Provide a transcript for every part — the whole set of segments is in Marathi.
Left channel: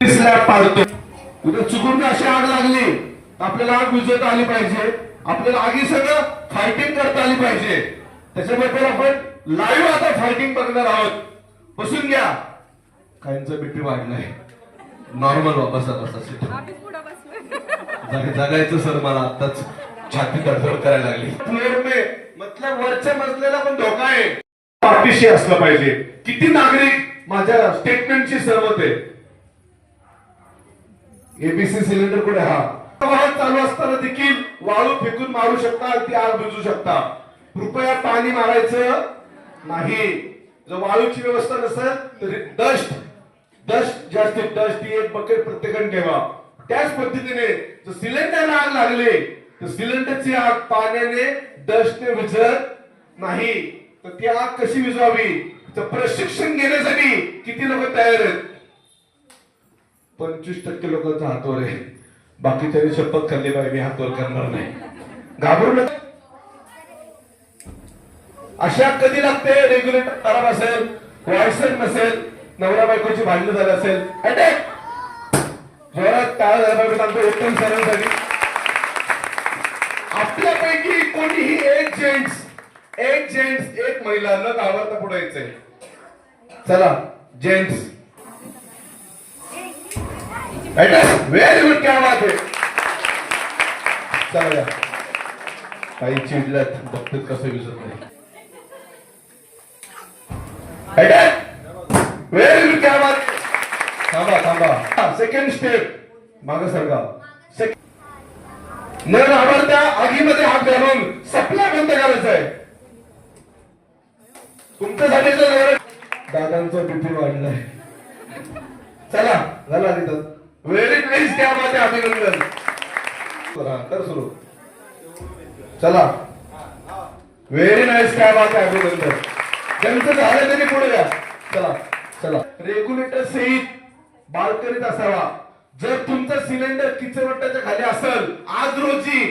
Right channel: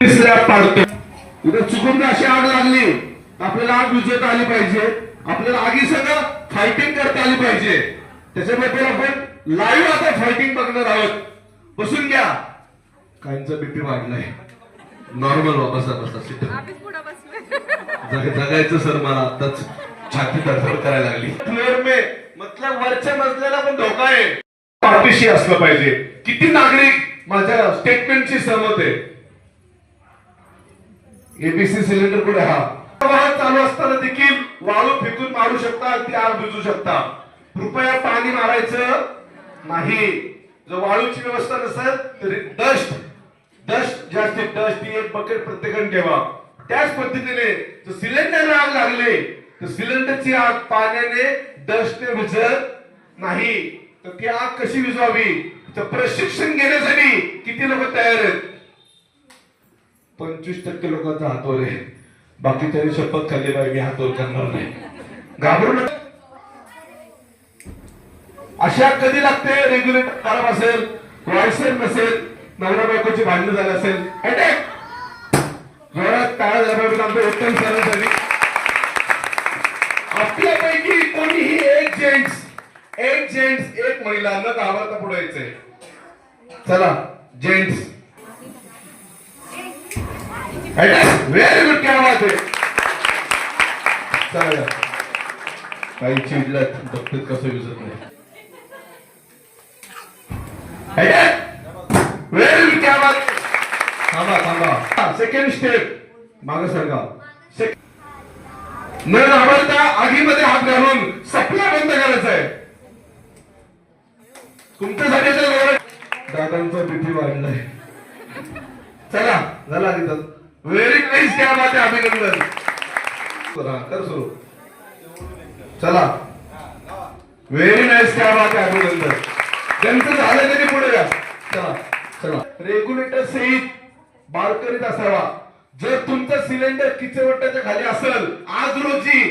स्लॅब पाडतो. उद्या चुकून अशी आग लागली आपल्याला आग विझवता आली पाहिजे. आपल्याला आगीसह फायटिंग करता आली पाहिजे. त्याच्याबद्दल आपण लाईव्ह आता फायटिंग बघणार आहोत. बसून घ्या. काहींचा बीपी वाढलाय. नॉर्मल बसा बसा. जगायचं सर मला आताच छाती धडधड करायला लागली. फ्लोर में मतलब वरच्या मजल्याला पण धोका आहे. पाठीशी असलं पाहिजे. किती नागरिक माझ्या स्टेटमेंटशी सहमत आहे. एबीसी सिलेंडर कुठे हा वाहन चालू असताना देखील वाळू फेकून मारू शकता. ती आग बुझू शकता. कृपया पाणी मारायचं नाही. जर वाळूची व्यवस्था नसेल तर डस्ट ही एक बकेट प्रत्येकाने ठेवा. त्याच पद्धतीने जर सिलेंडरला आग लागले तर सिलेंडरची आग पाण्याने डस्टने विझत नाही. तर ती आग कशी विझवावी तर प्रशिक्षण घेण्यासाठी किती लोक तयार आहेत. 25% लोकांचा हातवर आहे. बाकीच्या शपथ खाल्ली बाई मी हातवर करणार नाही. घाबरू नका. अशा कधी लागते रेग्युलेटर खराब असेल, वायसर नसेल, नवरा बायकोची भांडण झाली असेल, अटॅक जोरात टाळा झाला पाहिजे. आमचं उत्तम सरांसाठी आपल्यापैकी कोणीही एक जेंट्स एक महिला न घाबरता पुढे यायचंय. चला जेंट्स व्हेरी गुड. क्या बात आहे. चला काही चिडल्यात बघतात कसं विसरत नाही. Very good. क्या बात. थांबा. सेकंड स्टेप मागे सरका. न घाबरता आगीमध्ये हात घालून सपना बंद करायचा आहे. तुमच्यासाठी दादांचा बीपी वाढलाय. चला झाला तिथं. Very nice. क्या बात आहे. अभिनंदन. कर सुरू. चला व्हेरी नाईस. क्या बात आहे. अभिनंदन. ज्यांचं झालं त्यांनी पुढे जा. चला रेग्युलेटर सहित बाळ करीत असावा. जर तुमचं सिलेंडर किचनवट्याच्या खाली असेल आज रोजी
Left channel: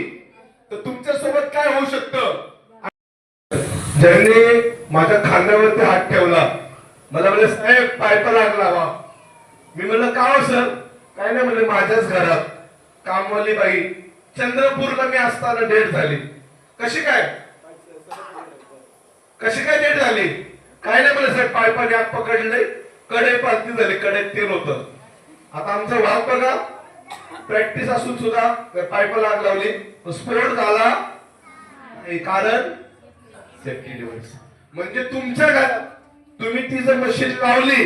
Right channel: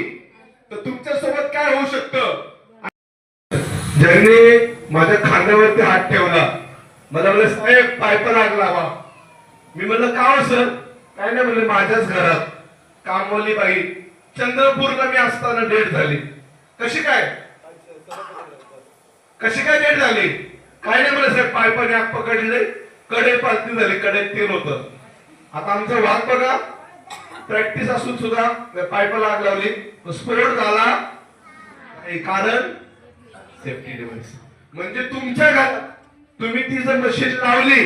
तर तुमच्या सोबत काय होऊ शकतं. ज्यांनी माझ्या खांद्यावरती हात ठेवला मला म्हणले साहेब पायपा लागला. मी म्हणलं का हो सर. काय नाही म्हणले माझ्याच घरात कामवाली बाई चंद्रपूरला मी असताना डेट झाली. कशी काय डेट झाली. काय नाही म्हणलं साहेब पायपाने आग पकडले कडे पालती झाली. कडेत तेल होतं. आता आमचं वाद बघा. प्रॅक्टिस असून सुद्धा पायपाला आग लावली स्फोट झाला. कारण सेफ्टी डिव्हाइस म्हणजे तुमच्या घरात तुम्ही ती जर मशीन लावली